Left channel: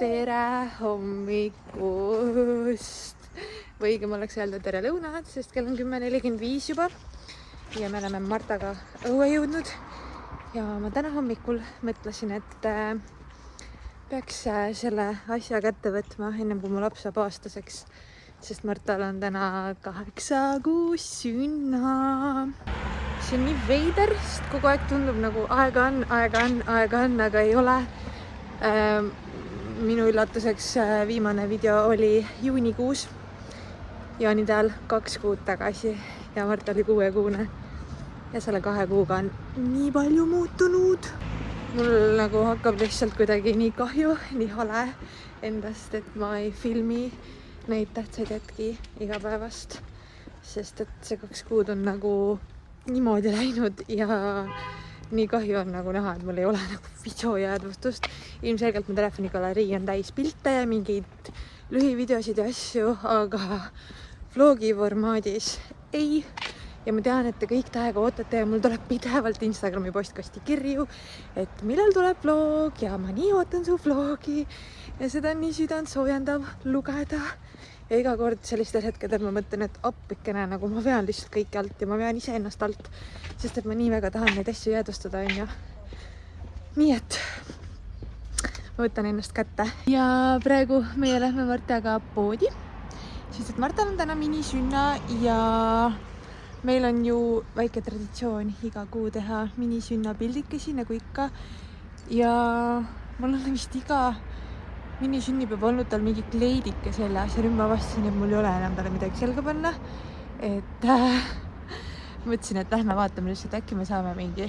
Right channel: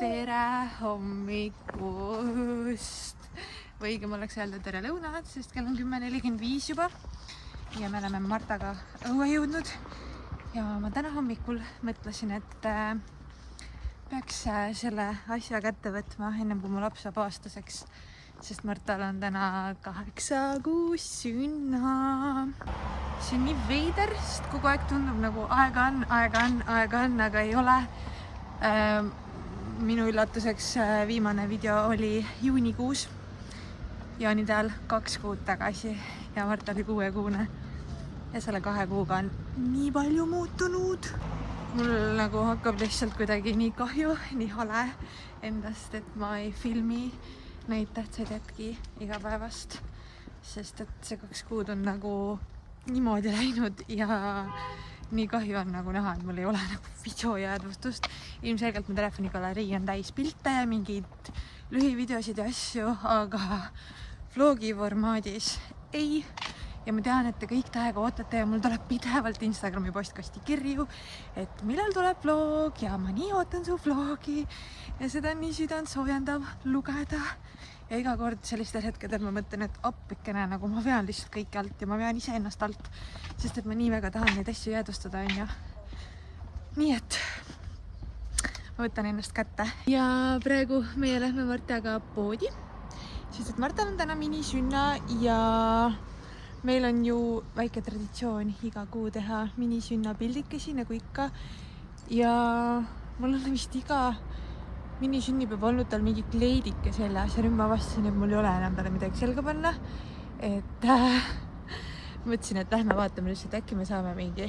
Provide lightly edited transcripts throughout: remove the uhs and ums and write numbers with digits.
tere hommikust või õigem oleks öelda tere lõunat, sest kell on 10:45 juba ja me oleme Martaga õue jõudnud. Ja ma täna hommikul mõtlesin, et peaks selle asja kätte võtma ennem kui mu laps saab aastaseks, sest Martal on täna 8 kuus sünna. See on nii veider, sest kogu aeg tundub nagu aega on, aga ei ole. Minu üllatuseks viimane video oli juunikuus, jaanitäel 2 kuud tagasi ja Mart oli 6-kuune ja selle 2 kuuga on nii palju muutunud. Mul nagu hakkab lihtsalt kuidagi nii kahju, nii hale endast, et ma ei filmi neid tähtsaid hetki igapäevast, sest et see 2 kuud on nagu niimoodi läinud ja nii kahju on nagu näha, et mul ei ole nagu videojäädvustust. Ilmselgelt mu telefonikalerii on täis pilte ja mingeid lühivideosid ja asju, aga vlogi formaadis ei. Ja ma tean, et te kõik täiega ootate ja mul tuleb pidevalt Instagrami postkasti kirju, et millal tuleb vlog ja ma nii ootan su vlogi ja seda on nii südant soojendav lugeda. Ja iga kord sellistel hetkedel ma mõtlen, et appikene, nagu ma vean lihtsalt kõike alt ja ma vean iseennast alt, sest et ma nii väga tahan neid asju jäädvustada, on ju. Nii et ma võtan ennast kätte ja praegu meie lähme Martaga poodi, sest et Martal on täna minisünna ja meil on ju väike traditsioon iga kuu teha minisünna pildikesi nagu ikka ja mul on vist iga minisünnipäev olnud tal mingi kleidike seljas ja nüüd ma avastasin, et mul ei ole enam talle midagi selga panna, et mõtlesin, et lähme vaatame lihtsalt, äkki me saame mingi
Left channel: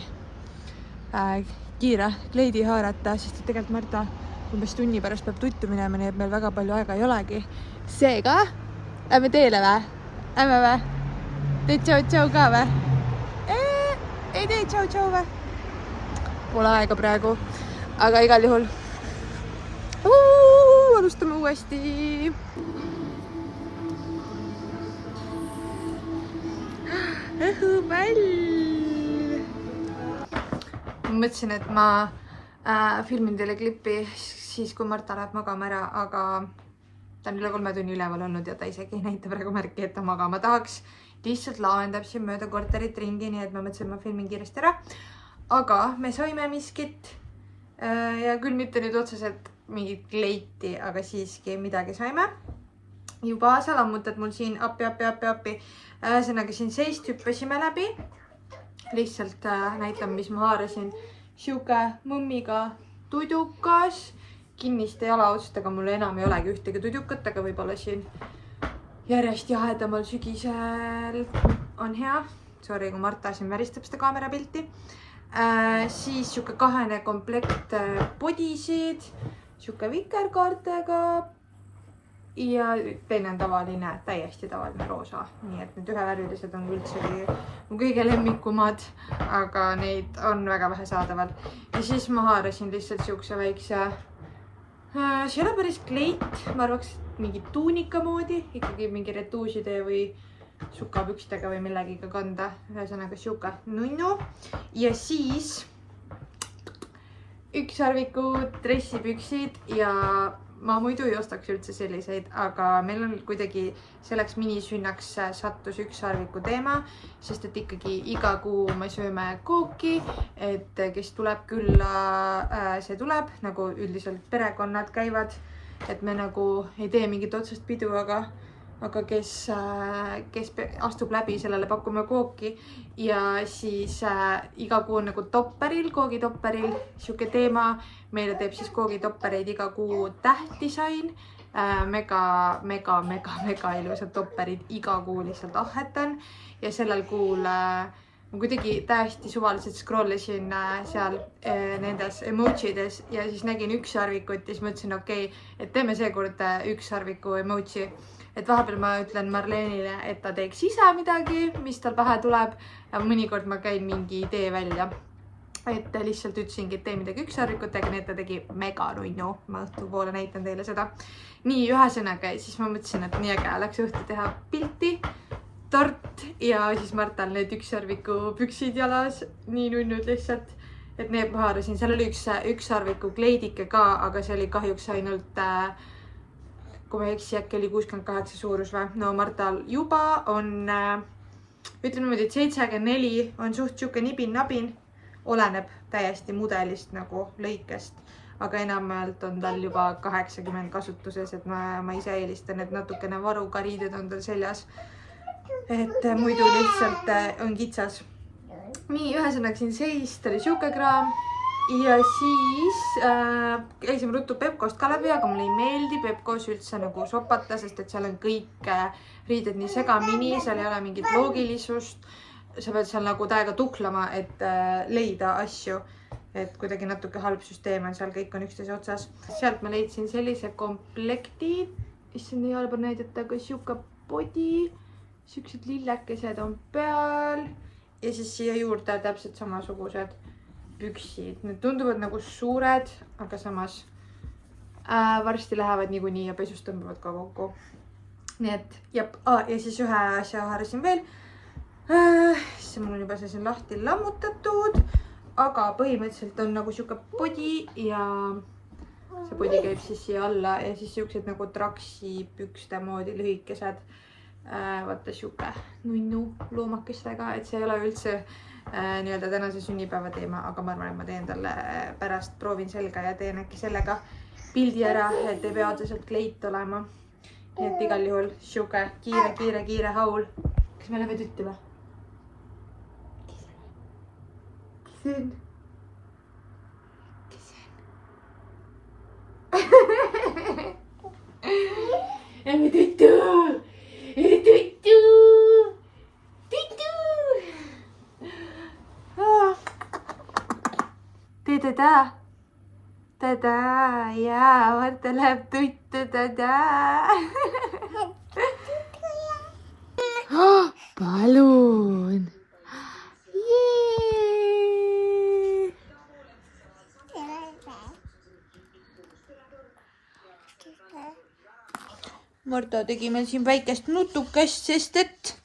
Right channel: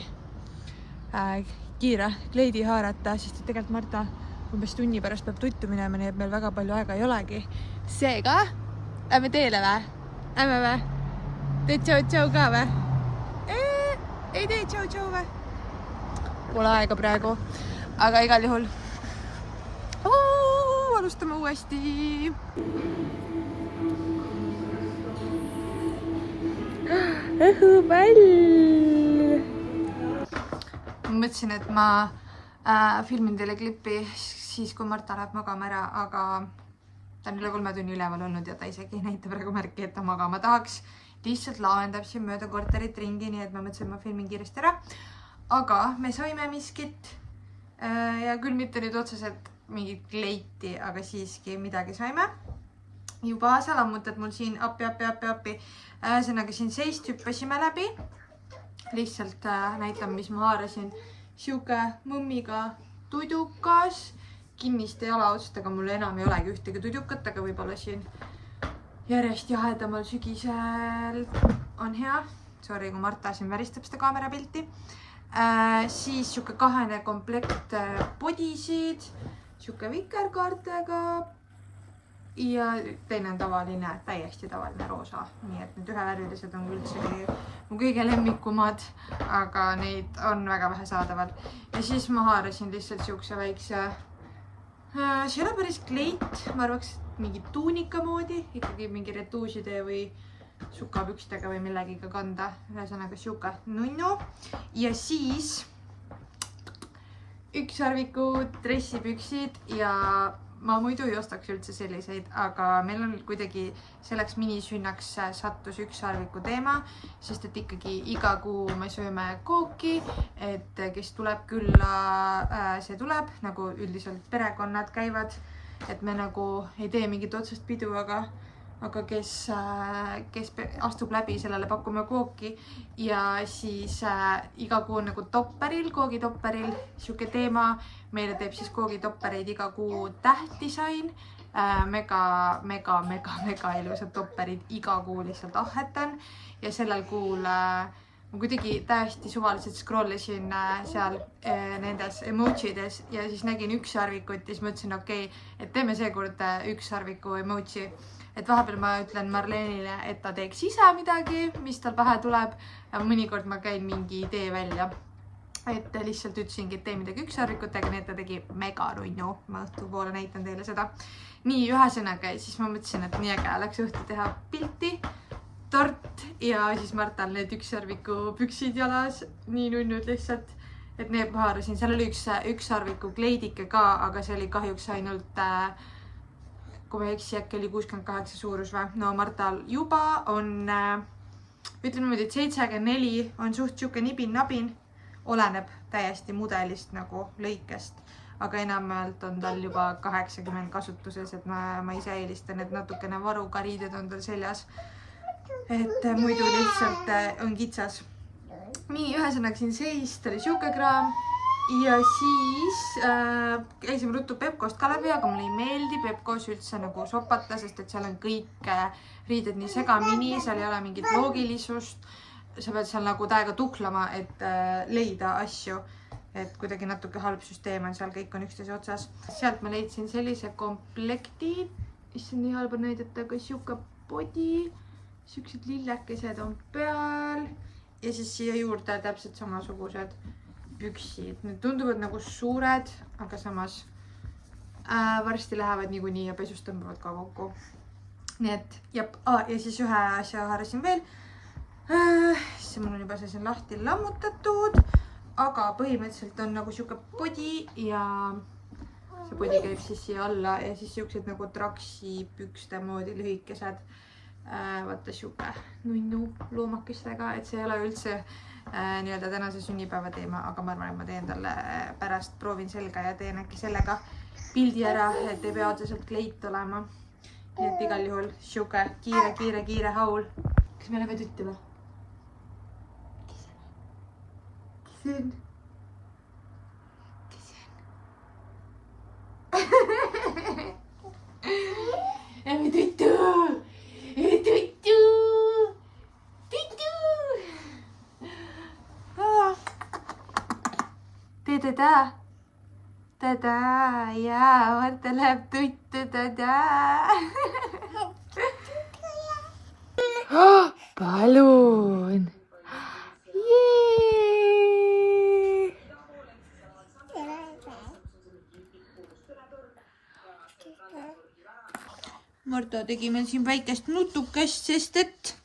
kiire kleidi haarata, sest et tegelikult Marta umbes tunni pärast peab tuttu minema, nii et meil väga palju aega ei olegi. Seega, lähme teele vä? Lähme vä? Teed tšau-tšau ka vä? Ei tee tšau-tšau vä? Pole aega praegu, aga igal juhul alustame uuesti. Õhupall! Ma mõtlesin, et ma filmin teile klippi siis, kui Marta läheb magama ära, aga ta on üle 3 tunni üleval olnud ja ta isegi ei näita praegu märki, et ta magama tahaks. Lihtsalt lahendab siin mööda korterit ringi, nii et ma mõtlesin, et ma filmin kiiresti ära. Aga me saime miskit ja küll mitte nüüd otseselt mingit kleiti, aga siiski midagi saime. Juba sa lammutad mul siin appi. Ühesõnaga siin seist hüppasime läbi. Lihtsalt näitan, mis ma haarasin. Siuke mõmmiga tudukas. Kinniste jalaotsustega mul enam ei olegi ühtegi tudukat, aga võib-olla siin järjest jahedamal sügisel on hea. Sorry, kui Marta siin väristab seda kaamerapilti. Siis siuke 2 komplekt podisid. Siuke vikerkaartega ja teine on tavaline, täiesti tavaline roosa. Nii et need ühevärvilised on üldsegi mu kõige lemmikumad, aga neid on väga vähe saadaval. Ja siis ma haarasin lihtsalt siukse väikse, see ei ole päris kleit, ma arvaks mingi tuunika moodi, ikkagi mingi retuuside või sukapükstega või millegiga kanda. Ühesõnaga siuke nunnu ja siis ükssarvikud, dressipüksid ja ma muidu ei ostaks üldse selliseid, aga meil on kuidagi selleks minisünnaks sattus ükssarviku teema, sest et ikkagi iga kuu me sööme kooki, et kes tuleb külla, see tuleb, nagu üldiselt perekonnad käivad, et me nagu ei tee mingit otsest pidu, aga kes astub läbi, sellele pakume kooki ja siis iga kuu on nagu topperil, koogitopperil siuke teema. Meile teeb siis koogitoppereid iga kuu tähtdisain. Mega ilusad topperid iga kuu lihtsalt ahetan ja sellel kuul ma kuidagi täiesti suvaliselt scrollisin seal nendes emojides ja siis nägin ükssarvikut ja siis mõtlesin, okei, et teeme seekord ükssarviku emoji. Et vahepeal ma ütlen Marlenile, et ta teeks ise midagi, mis tal pähe tuleb ja mõnikord ma käin mingi idee välja. Et lihtsalt ütlesingi, et tee midagi ükssarvikutega, nii et ta tegi mega nunnu. Ma õhtupoole näitan teile seda. Nii ühesõnaga, siis ma mõtlesin, et nii äge läks õhtu teha pilti, tort ja siis Martal need ükssarviku püksid jalas, nii nunnud lihtsalt. et need haarasin, seal oli üks sarviku kleidike ka, aga see oli kahjuks ainult, kui ma ei eksi, äkki oli 68 suurus või. No Martal juba on, ütleme niimoodi, et 74 on suht siuke nibin-nabin, oleneb täiesti mudelist nagu lõikest, aga enamjaolt on tal juba 80 kasutuses, et ma ise eelistan, et natukene varukariided on tal seljas. Et muidu lihtsalt on kitsas. Nii, ühesõnaga siin seis, ta oli siuke kraam ja siis käisime ruttu Pepkost ka läbi, aga mulle ei meeldi Pepkos üldse nagu sopata, sest et seal on kõik riided nii segamini, seal ei ole mingit loogilisust. Sa pead seal nagu täiega tuklama, et leida asju, et kuidagi natuke halb süsteem on, seal kõik on üksteise otsas. Sealt ma leidsin sellise komplekti, issand nii halb on näidata, aga siuke body, siuksed lillekesed on peal. Ja siis siia juurde täpselt samasugused püksid. Need tunduvad nagu suured, aga samas varsti lähevad niikuinii ja pesust tõmbavad ka kokku. Nii et, jep. Ja siis ühe asja haarasin veel. See mul on juba see lahti lammutatud, aga põhimõtteliselt on nagu siuke body ja see body käib siis siia alla ja siis siuksed nagu traksi pükste moodi lühikesed. Vaata siuke nunnu loomakestega, et see ei ole üldse nii-öelda tänase sünnipäeva teema, aga ma arvan, et ma teen talle pärast, proovin selga ja teen äkki sellega pildi ära, et ei pea otseselt kleit olema. Nii et igal juhul siuke kiire haul. Kas me oleme tutti või? Kes see on? Emme tuttu! Tada, jaa, Marta läheb tuttu, tada. Palun. Marta tegi meil siin väikest nutukest, sest et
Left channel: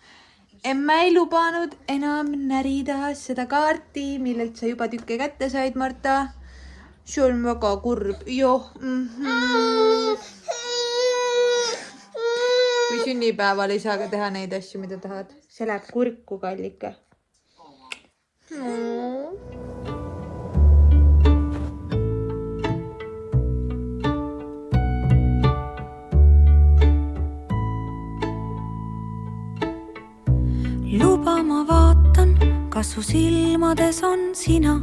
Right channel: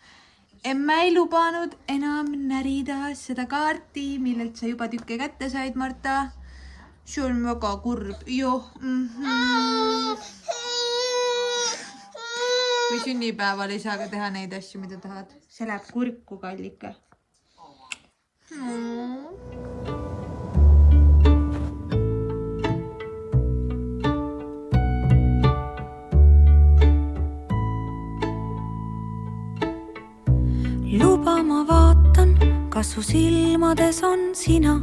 emme ei lubanud enam närida seda kaarti, millelt sa juba tükke kätte said, Marta. See on väga kurb. Joh. Kui sünnipäeval ei saa ka teha neid asju, mida tahad. See läheb kurku, kallike. Luba ma vaatan, kas su silmades on sina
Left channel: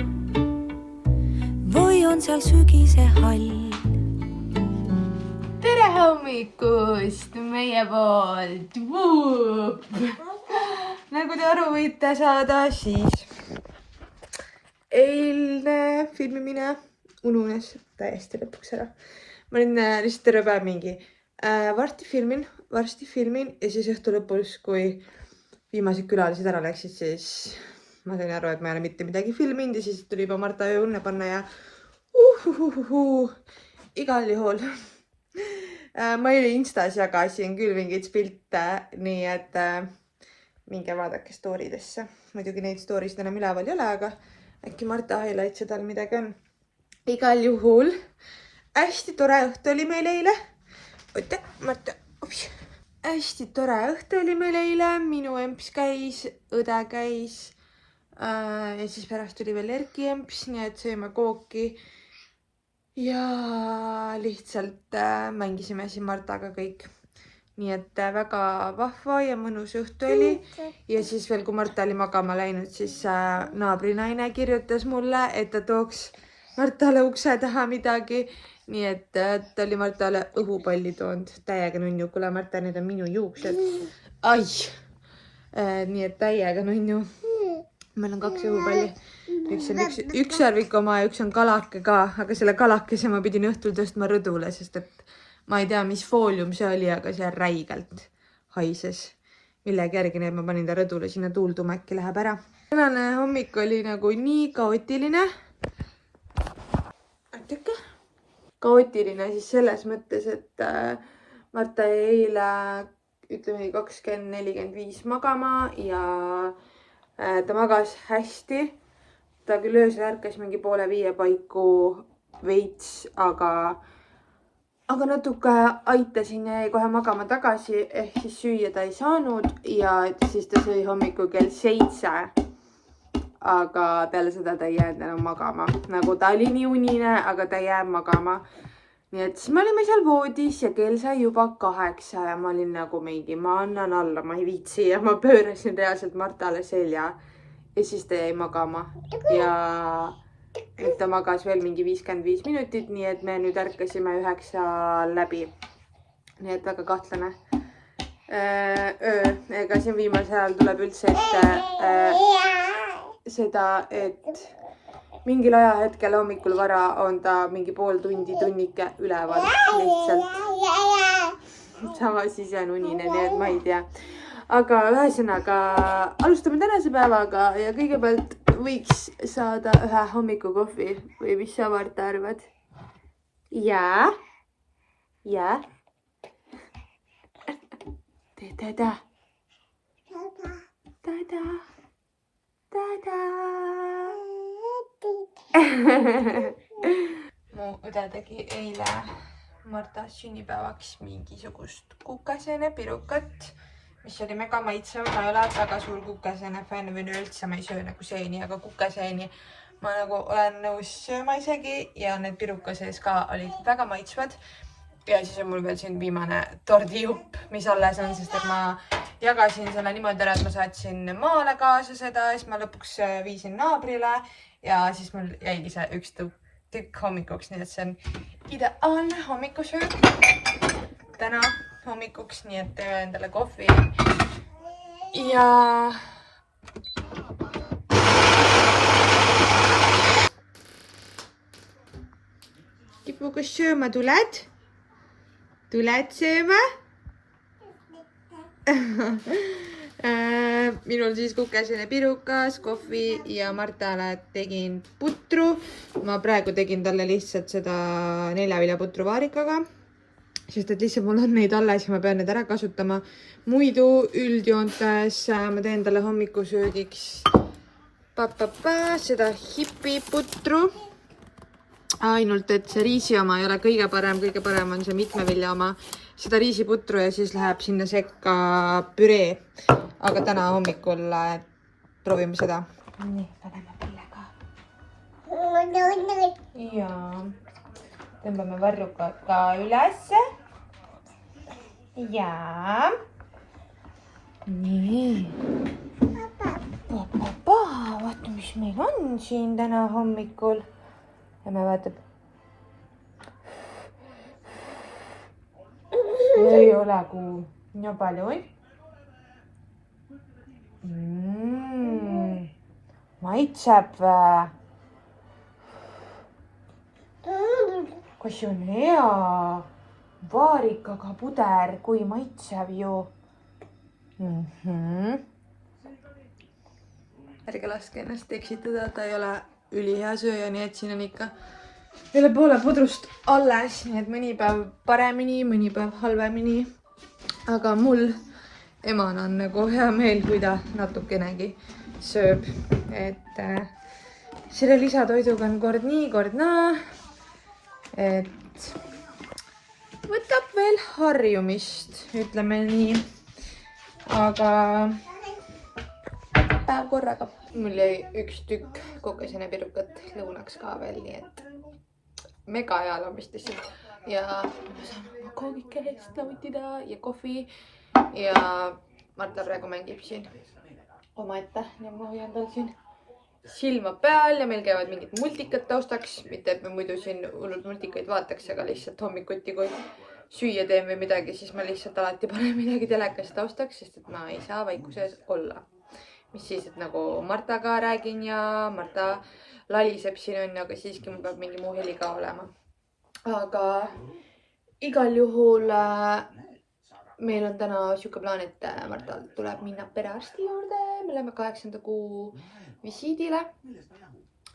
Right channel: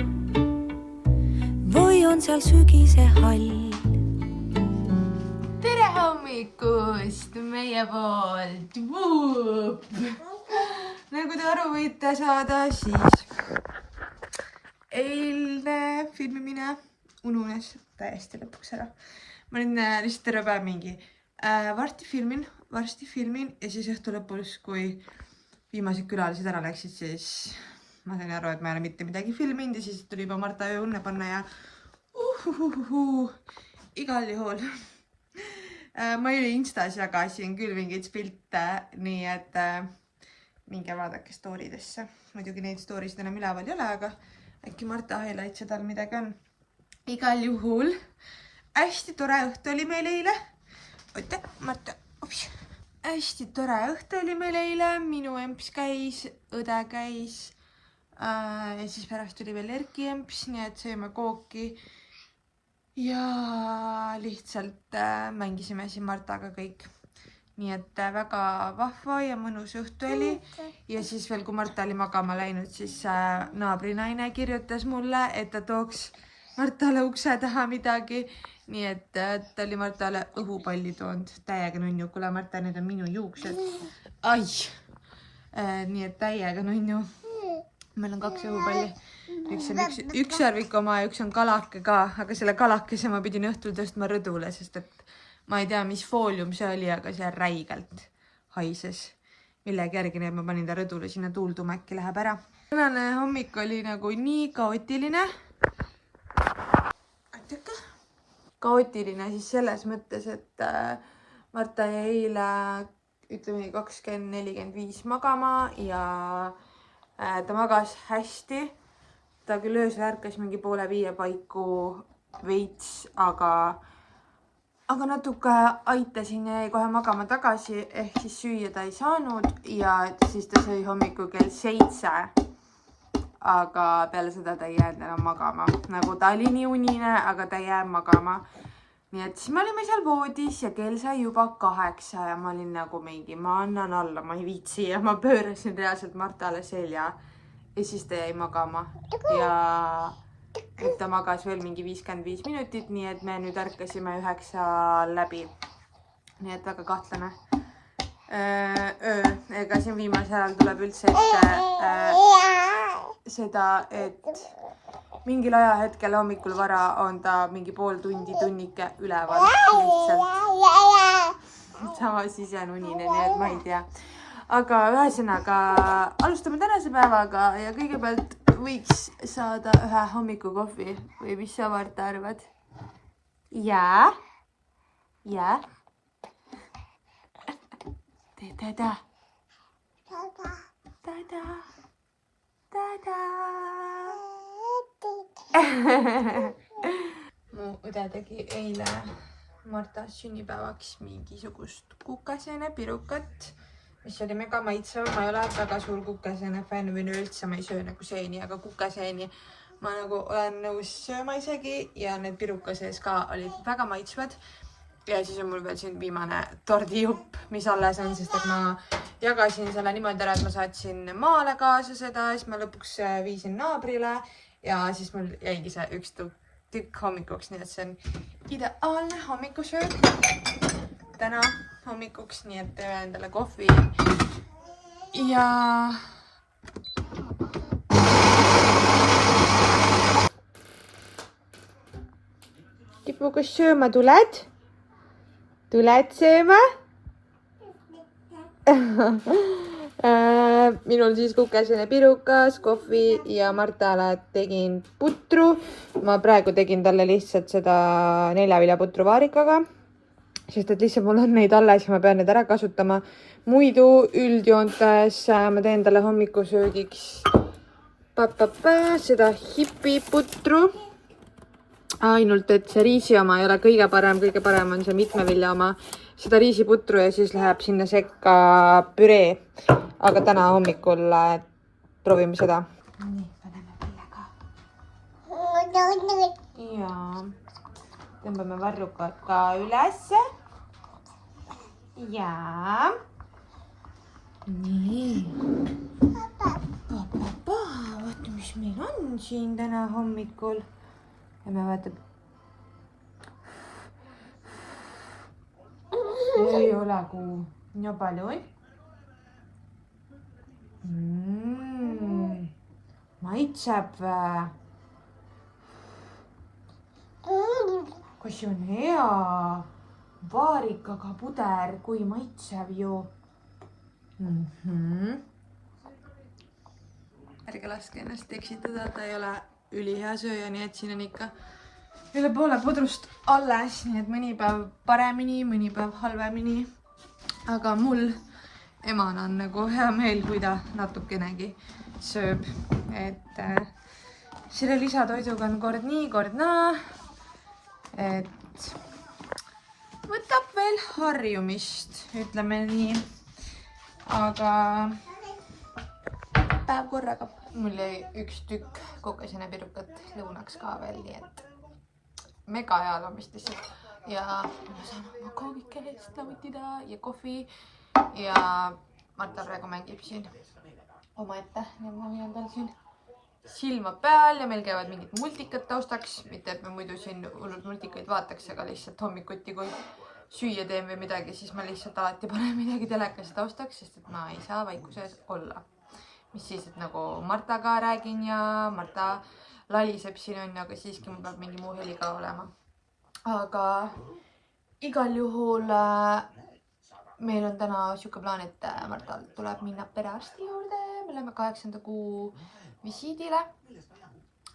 või on seal sügise hall. Tere hommikust meie poolt! Nagu te aru võite saada, siis eilne filmimine ununes täiesti lõpuks ära. Ma olin lihtsalt terve päev mingi varsti filmin ja siis õhtu lõpus, kui viimased külalised ära läksid, siis ma sain aru, et ma ei ole mitte midagi filminud ja siis tuli juba Marta õunne panna ja igal juhul. Ma eile Instas jagasin küll mingeid pilte, nii et minge vaadake storidesse. Muidugi neid storysid enam üleval ei ole, aga äkki Marta highlights'e tal midagi on. Igal juhul hästi tore õhtu oli meil eile. Oota, Marta, hästi tore õhtu oli meil eile. Minu emps käis, õde käis ja siis pärast tuli veel Erki emps, nii et sõime kooki ja lihtsalt mängisime siin Martaga kõik. Nii et väga vahva ja mõnus õhtu oli. Ja siis veel, kui Marta oli magama läinud, siis naabrinaine kirjutas mulle, et ta tooks Martale ukse taha midagi. Nii et ta oli Martale õhupalli toonud. Täiega nunnu. Kuule Marta, need on minu juuksed. Ai! Nii et täiega nunnu. Meil on 2 õhupalli. Üks on üks sarvik oma ja üks on kalake ka. Aga selle kalakese ma pidin õhtul tõstma rõdule, sest et ma ei tea, mis foolium see oli, aga see räigelt haises. Millegi järgi need ma panin ta rõdule, sinna tuulduma äkki läheb ära. Tänane hommik oli nagu nii kaootiline. Kaootiline siis selles mõttes, et Marta jäi eile, ütleme 20:45 magama ja ta magas hästi. ta küll öösel ärkas mingi 4:30 paiku veits, aga natuke aitasin ja jäi kohe magama tagasi, ehk siis süüa ta ei saanud ja siis ta sõi hommikul kell 7. Aga peale seda ta ei jäänud enam magama, nagu ta oli nii unine, aga ta ei jäänud magama. Nii et siis me olime seal voodis ja kell sai juba 8 ja ma olin nagu mingi, ma annan alla, ma ei viitsi ja ma pöörasin reaalselt Martale selja ja siis ta jäi magama ja nüüd ta magas veel mingi 55 minutit, nii et me nüüd ärkasime 9 läbi. Nii et väga kahtlane öö. Ega siin viimasel ajal tuleb üldse ette seda, et mingil ajahetkel hommikul vara on ta mingi pool tundi, tunnike üleval lihtsalt. Samas ise on unine, nii et ma ei tea. Aga ühesõnaga alustame tänase päevaga ja kõigepealt võiks saada ühe hommikukohvi või mis sa, Marta, arvad? Jaa? Jaa? Tada! Tada! Tada! Mu õde tegi eile Marta sünnipäevaks mingisugust kukasene pirukat, mis oli mega maitsev. Ma ei ole väga suur kukasene fänn või üldse ma ei söö nagu seeni, aga kukaseeni ma nagu olen nõus sööma isegi ja need piruka sees ka olid väga maitsvad. Ja siis on mul veel siin viimane tordijupp, mis alles on, sest et ma jagasin selle niimoodi ära, et ma saatsin maale kaasa seda, siis ma lõpuks viisin naabrile ja siis mul jäigi see üks tükk hommikuks, nii et see on ideaalne hommikusöök täna hommikuks, nii et teeme endale kohvi ja Kipu, kas sööma tuled? Tuled sööma? Minul siis kukesene pirukas, kohvi ja Martale tegin putru. Ma praegu tegin talle lihtsalt seda 4-viljaputru vaarikaga, sest et lihtsalt mul on neid alles ja ma pean need ära kasutama. Muidu üldjoontes ma teen talle hommikusöögiks seda hipiputru. Ainult, et see riisi oma ei ole kõige parem on see mitmevilja oma. Seda riisiputru ja siis läheb sinna sekka püree. Aga täna hommikul proovime seda. Nii, paneme pille ka. Ja tõmbame varrukad ka üles. Ja. Nii. Papa, vaata, mis meil on siin täna hommikul. Ja me vaatab. Ei ole kuul. Ja palju. Maitseb. Kas see on hea? Vaarikaga puder, kui maitseb ju. Ärge laske ennast eksitada, ta ei ole ülihea sööja, nii et siin on ikka üle poole pudrust alles, nii et mõni päev paremini, mõni päev halvemini. Aga mul emana on nagu hea meel, kui ta natukenegi sööb. Et selle lisatoiduga on kord nii, kord naa. Et võtab veel harjumist, ütleme nii. Aga päev korraga. Mul jäi üks tükk kukesene pirukat lõunaks ka veel, nii et mega hea lamist lihtsalt. Ja ma saan oma koogikest nautida ja kohvi. Ja Marta praegu mängib siin omaette ja ma hoian tal siin silma peal ja meil käivad mingid multikad taustaks. Mitte, et me muidu siin hullult multikaid vaataks, aga lihtsalt hommikuti, kui süüa teen või midagi, siis ma lihtsalt alati panen midagi telekas taustaks, sest et ma ei saa vaikuses olla. Mis siis, et nagu Martaga räägin ja Marta laliseb siin on, aga siiski mul peab mingi muu heli ka olema. Aga igal juhul meil on täna siuke plaan, et Martal tuleb minna perearsti juurde. Me läheme 8. kuu visiidile.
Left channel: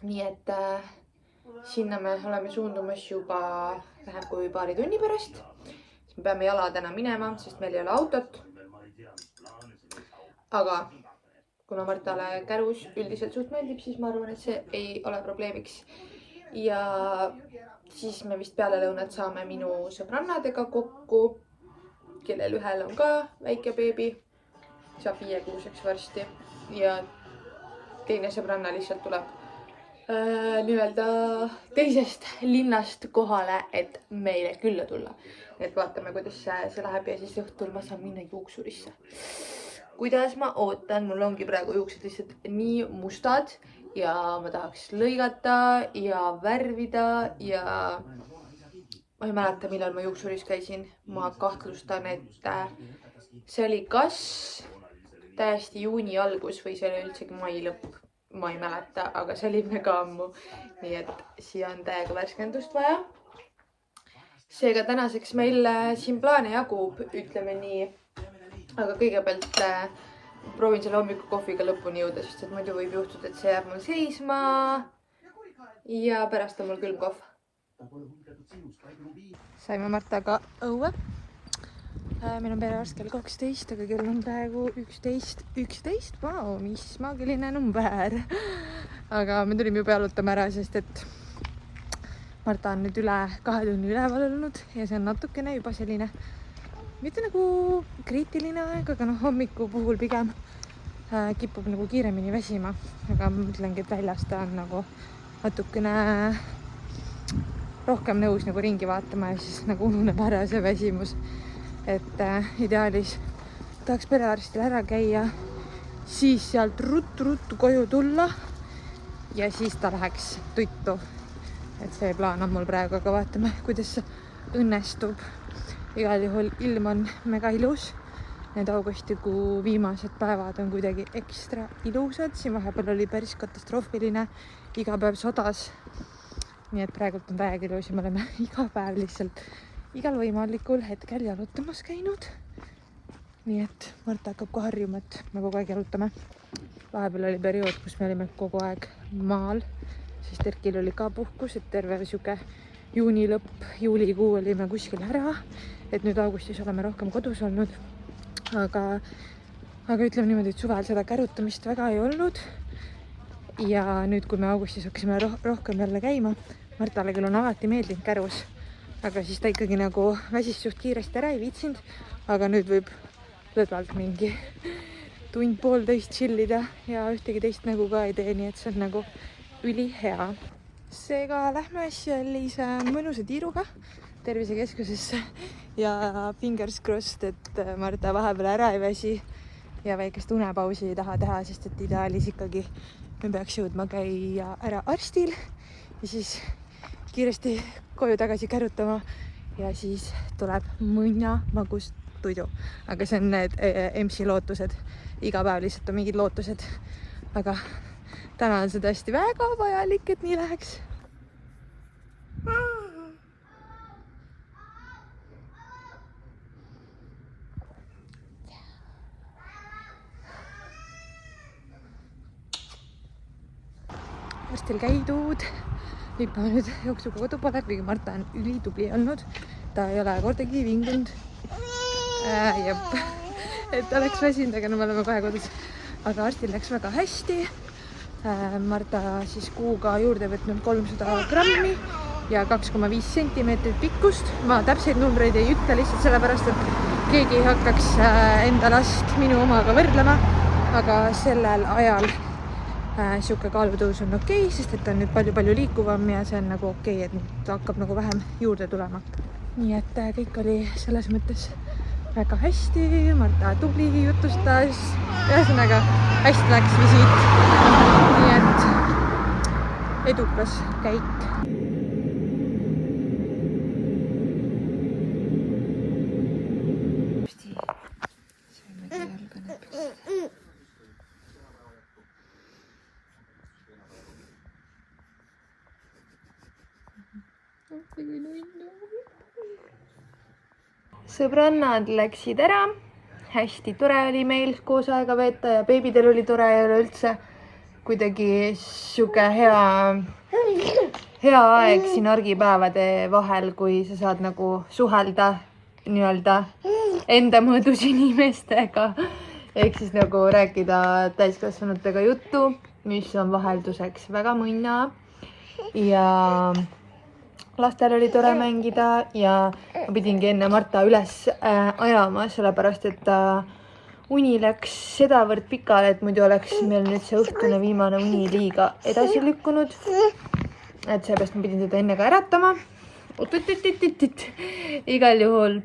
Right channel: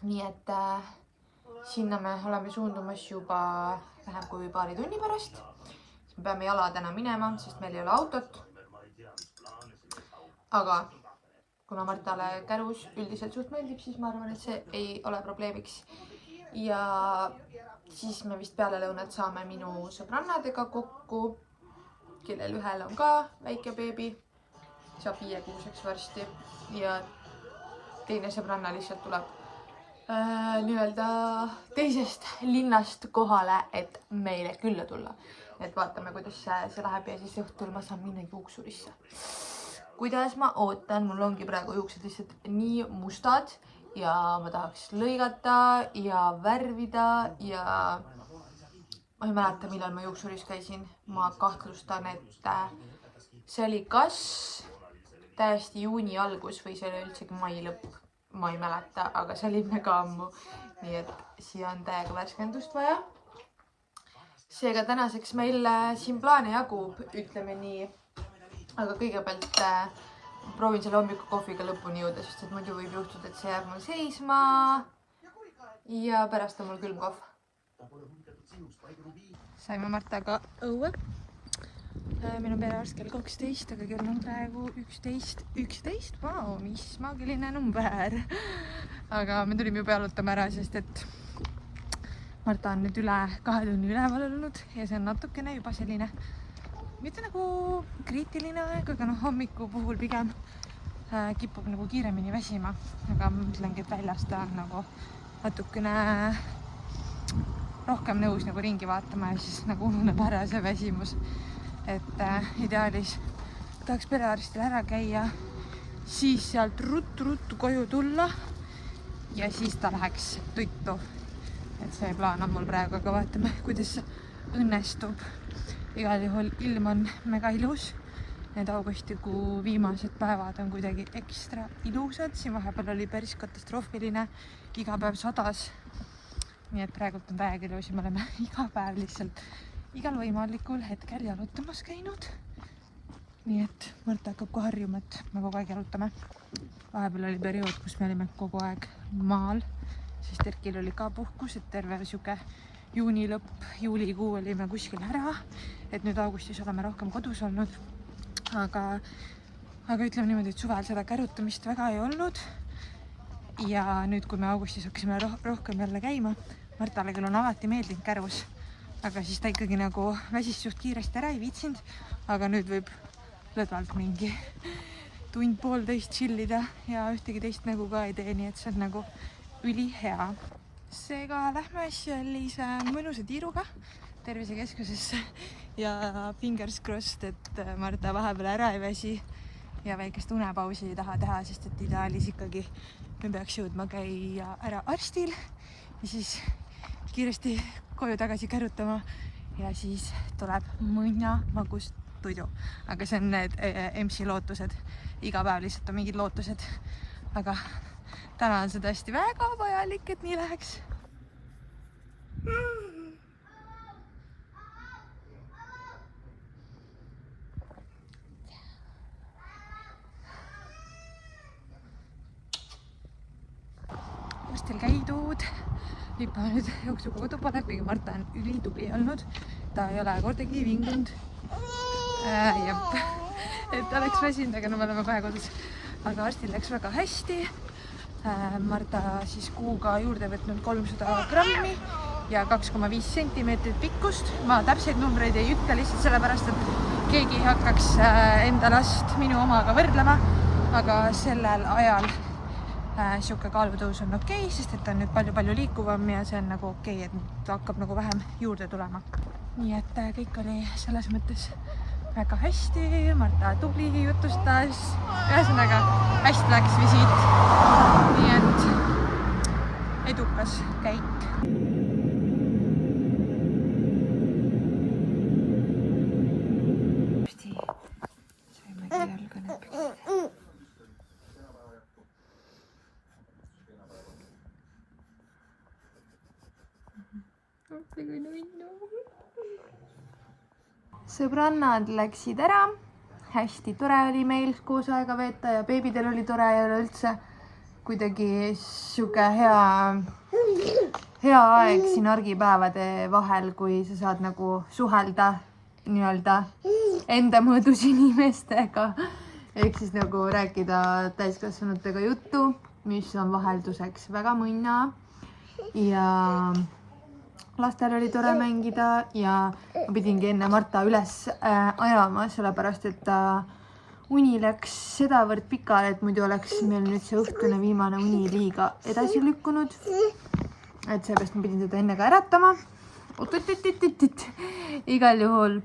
Nii et sinna me oleme suundumas juba vähem kui paari tunni pärast. Me peame jala täna minema, sest meil ei ole autot. Aga kuna Martale kärus üldiselt suht meeldib, siis ma arvan, et see ei ole probleemiks. Ja siis me vist peale lõunat saame minu sõbrannadega kokku, kellel ühel on ka väike beebi, saab 5-kuuseks varsti ja teine sõbranna lihtsalt tuleb nii-öelda teisest linnast kohale, et meile külla tulla. Et vaatame, kuidas see läheb ja siis õhtul ma saan minna juuksurisse. Kuidas ma ootan, mul ongi praegu juuksed lihtsalt nii mustad ja ma tahaks lõigata ja värvida ja ma ei mäleta, millal ma juuksuris käisin. Ma kahtlustan, et see oli kas täiesti juuni algus või see oli üldsegi mai lõpp. Ma ei mäleta, aga see oli mega ammu. Nii et siia on täiega värskendust vaja. Seega tänaseks meil siin plaane jagub, ütleme nii. Aga kõigepealt proovin selle hommikukohviga lõpuni jõuda, sest et muidu võib juhtuda, et see jääb mul seisma. Ja pärast on mul külmkohv. Saime Martaga õue. Meil on perearst kell 12, aga kell on praegu 11. Vau, mis maagiline number. Aga me tulime juba jalutama ära, sest et Marta on nüüd üle 2 tunni üleval olnud ja see on natukene juba selline mitte nagu kriitiline aeg, aga hommiku puhul pigem kipub nagu kiiremini väsima. Aga ma mõtlengi, et väljast ta on nagu natukene rohkem nõus nagu ringi vaatama ja siis nagu ununeb ära see väsimus. Et ideaalis tahaks perearstil ära käia, siis sealt ruttu koju tulla ja siis ta läheks tuttu. Et see plaan on mul praegu, aga vaatame, kuidas see õnnestub. Igal juhul ilm on mega ilus. Need augustikuu viimased päevad on kuidagi ekstra ilusad. Siin vahepeal oli päris katastroofiline, iga päev sadas. Nii et praegult on täiega ilus ja me oleme iga päev lihtsalt igal võimalikul hetkel jalutamas käinud. Nii et Marta hakkab kohe harjuma, et me kogu aeg jalutame. Vahepeal oli periood, kus me olime kogu aeg maal, sest Erkil oli ka puhkus, et terve siuke juuni lõpp, juulikuu olime kuskil ära, et nüüd augustis oleme rohkem kodus olnud. Aga ütleme niimoodi, et suvel seda kärutamist väga ei olnud. Ja nüüd, kui me augustis hakkasime rohkem jälle käima, Martale küll on alati meeldinud kärus. Aga siis ta ikkagi nagu väsis suht kiiresti ära ei viitsinud, aga nüüd võib lõdvalt mingi tund-poolteist chillida ja ühtegi teist nägu ka ei tee, nii et see on nagu ülihea. Seega lähme sellise mõnusa tiiruga tervisekeskusesse ja fingers crossed, et Marta vahepeal ära ei väsi ja väikest unepausi ei taha teha, sest et ideaalis ikkagi me peaks jõudma käia ära arstil ja siis kiiresti koju tagasi kärutama ja siis tuleb mõnna magust tuju. Aga see on need MC lootused. Iga päev lihtsalt on mingid lootused. Aga täna on see tõesti väga vajalik, et nii läheks. Arstil käidud. Nüüd ma nüüd jooksuga kodu poole, kuigi Marta on ülitubli olnud. Ta ei ole kordagi vingunud. Et oleks väsinud, aga no me oleme kohe kodus. Aga arstil läks väga hästi. Marta siis kuuga juurde võtnud 300 grammi ja 2,5 sentimeetrit pikkust. Ma täpseid numbreid ei ütle lihtsalt sellepärast, et keegi ei hakkaks enda last minu omaga võrdlema. Aga sellel ajal siuke kaalutõus on okei, sest et on nüüd palju liikuvam ja see on nagu okei, et nüüd hakkab nagu vähem juurde tulema. Nii et kõik oli selles mõttes väga hästi, Marta tubli jutustas, ühesõnaga hästi läks visiit. Nii et edukas käik. Sõbrannad läksid ära, hästi tore oli meil koos aega veeta ja beebidel oli tore ja üleüldse kuidagi siuke hea aeg siin argipäevade vahel, kui sa saad nagu suhelda nii-öelda enda mõõdus inimestega. ehk siis nagu rääkida täiskasvanutega juttu, mis on vahelduseks väga mõnna ja lastel oli tore mängida ja ma pidingi enne Marta üles ajama, sellepärast et ta uni läks sedavõrd pikale, et muidu oleks meil nüüd see õhtune viimane uni liiga edasi lükkunud. Et seepärast ma pidin teda enne ka äratama. Igal juhul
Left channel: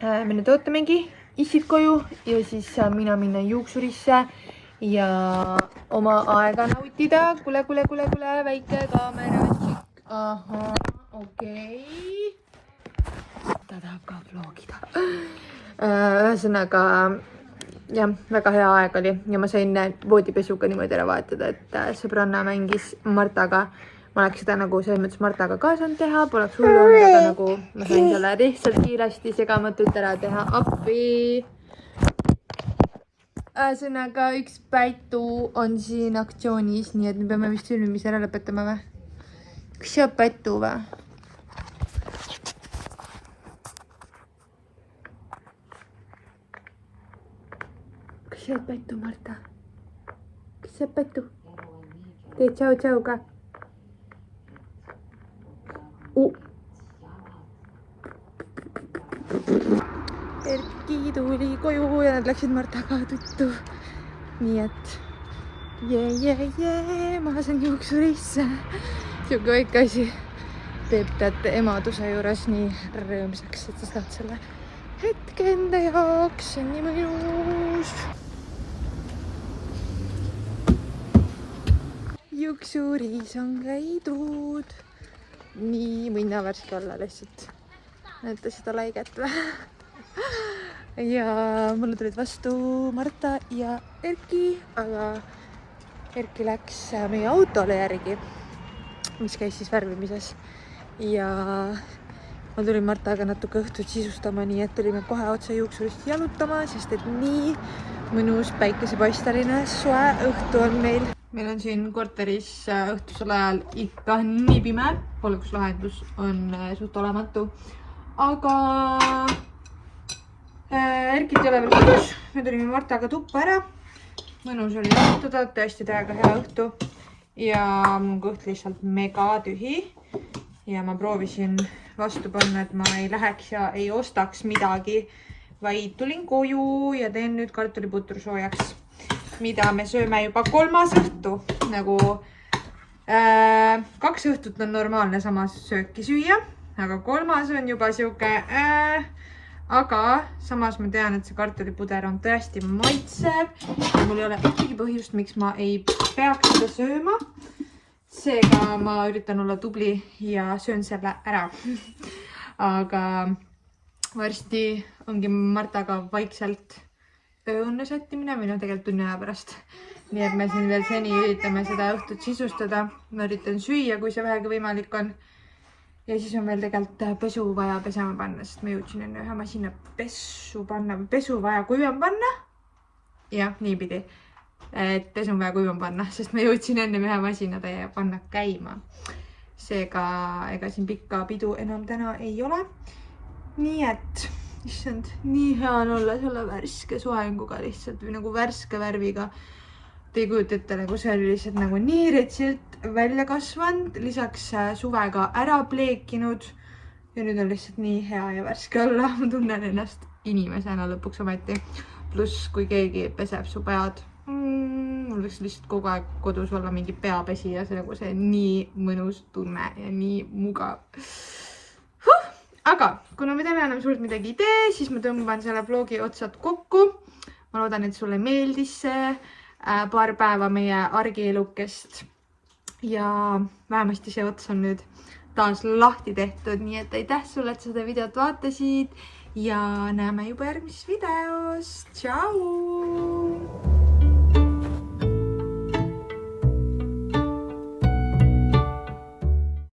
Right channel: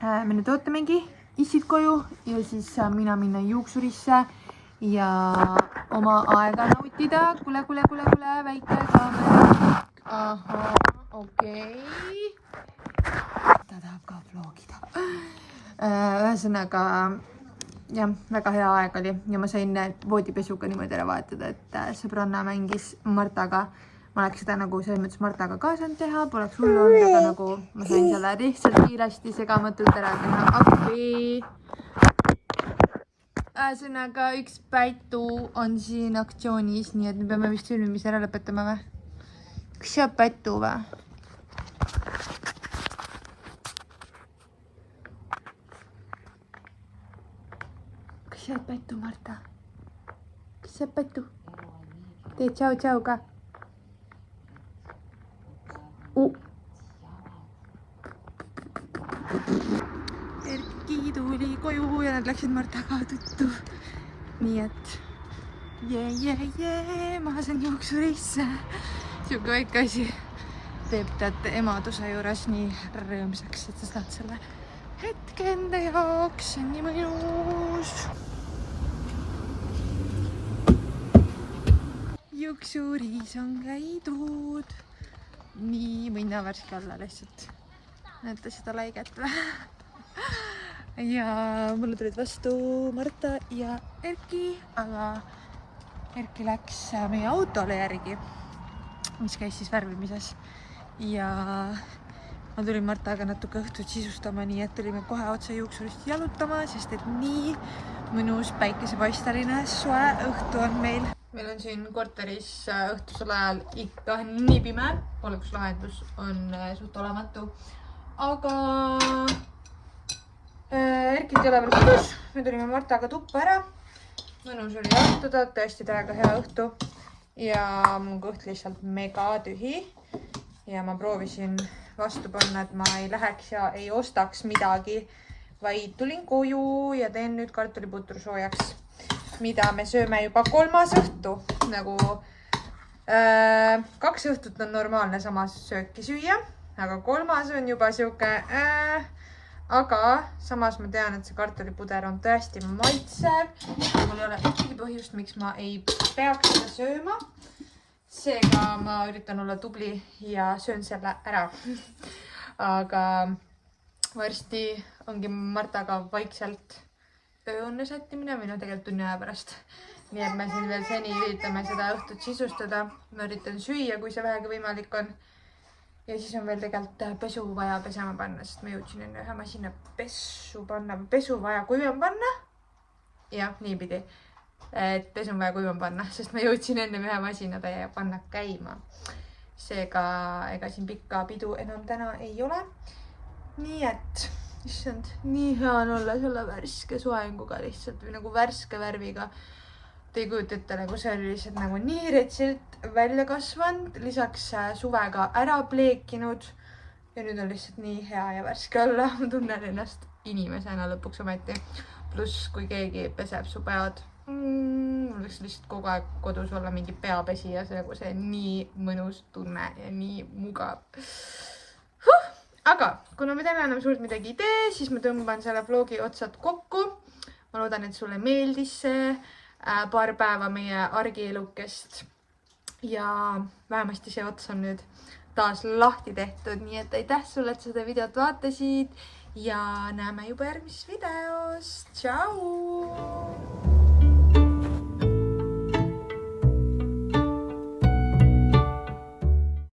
me nüüd ootamegi issid koju ja siis saan mina minna juuksurisse ja oma aega nautida. Kule, väike kaamera. Ahhaa, okei. Ta tahab ka vlogida. Ühesõnaga, jah, väga hea aeg oli ja ma sain voodipesuga niimoodi ära vahetada, et sõbranna mängis Martaga. Ma oleks seda nagu selles mõttes Martaga ka saanud teha, poleks hullu olnud, aga nagu ma sain selle lihtsalt kiiresti segamatult ära teha. Appi! Ühesõnaga, üks Pätu on siin aktsioonis, nii et me peame vist filmimise ära lõpetama või? Kas see on Pätu või? Kas see on Pätu, Marta? Kas see on Pätu? Tee tšau ka. Erki tuli koju ja nad läksid Martaga tuttu. Nii et ma saan juuksurisse. Siuke väike asi teeb teate emaduse juures nii rõõmsaks, et sa saad selle hetke enda jaoks. See on nii mõjus. Juuksuris on käidud. Nii võin värske olla lihtsalt. Näete seda laiget või? Ja mulle tulid vastu Marta ja Erki, aga Erki läks meie autole järgi, mis käis siis värvimises. Ja ma tulin Martaga natuke õhtut sisustama, nii et tulime kohe otse juuksurist jalutama, sest et nii mõnus päikesepaisteline soe õhtu on meil. Meil on siin korteris õhtusel ajal ikka nii pime, valguslahendus on suht olematu, aga Erkid ei ole veel kodus, me tulime Martaga tuppa ära, mõnus oli jalutada, tõesti täiega hea õhtu ja mun kõht lihtsalt mega tühi ja ma proovisin vastu panna, et ma ei läheks ja ei ostaks midagi, vaid tulin koju ja teen nüüd kartuliputru soojaks, mida me sööme juba 3. õhtu. Nagu 2 õhtut on normaalne samas sööki süüa, aga 3. on juba siuke aga samas ma tean, et see kartulipuder on tõesti maitsev ja mul ei ole ikkagi põhjust, miks ma ei peaks seda sööma. Seega ma üritan olla tubli ja söön selle ära. Aga varsti ongi Martaga vaikselt ööunne sättimine, meil on tegelikult tunni aja pärast. Nii et me siin veel seni üritame seda õhtut sisustada. Ma üritan süüa, kui see vähegi võimalik on. Ja siis on veel tegelikult pesu vaja pesema panna, sest ma jõudsin enne ühe masina pesu vaja kuivama panna. Jah, niipidi. Et pesu vaja kuivama panna, sest ma jõudsin enne ühe masina ja panna käima. Seega ega siin pikka pidu enam täna ei ole. Nii et issand, nii hea on olla selle värske soenguga lihtsalt või nagu värske värviga. Te ei kujuta ette, nagu see oli lihtsalt nagu nii retsilt välja kasvanud, lisaks suvega ära pleekinud ja nüüd on lihtsalt nii hea ja värske olla. Ma tunnen ennast inimesena lõpuks ometi. Pluss kui keegi peseb su pead, mul võiks lihtsalt kogu aeg kodus olla mingi peapesi ja see on nii mõnus tunne ja nii mugav. Aga kuna me teeme enam suurt midagi ei tee, siis ma tõmban selle vlogi otsad kokku. Ma loodan, et sulle meeldis see paar päeva meie argielukest ja vähemasti see ots on nüüd taas lahti tehtud, nii et aitäh sulle, et seda videot vaatasid ja näeme juba järgmises videos. Tšau!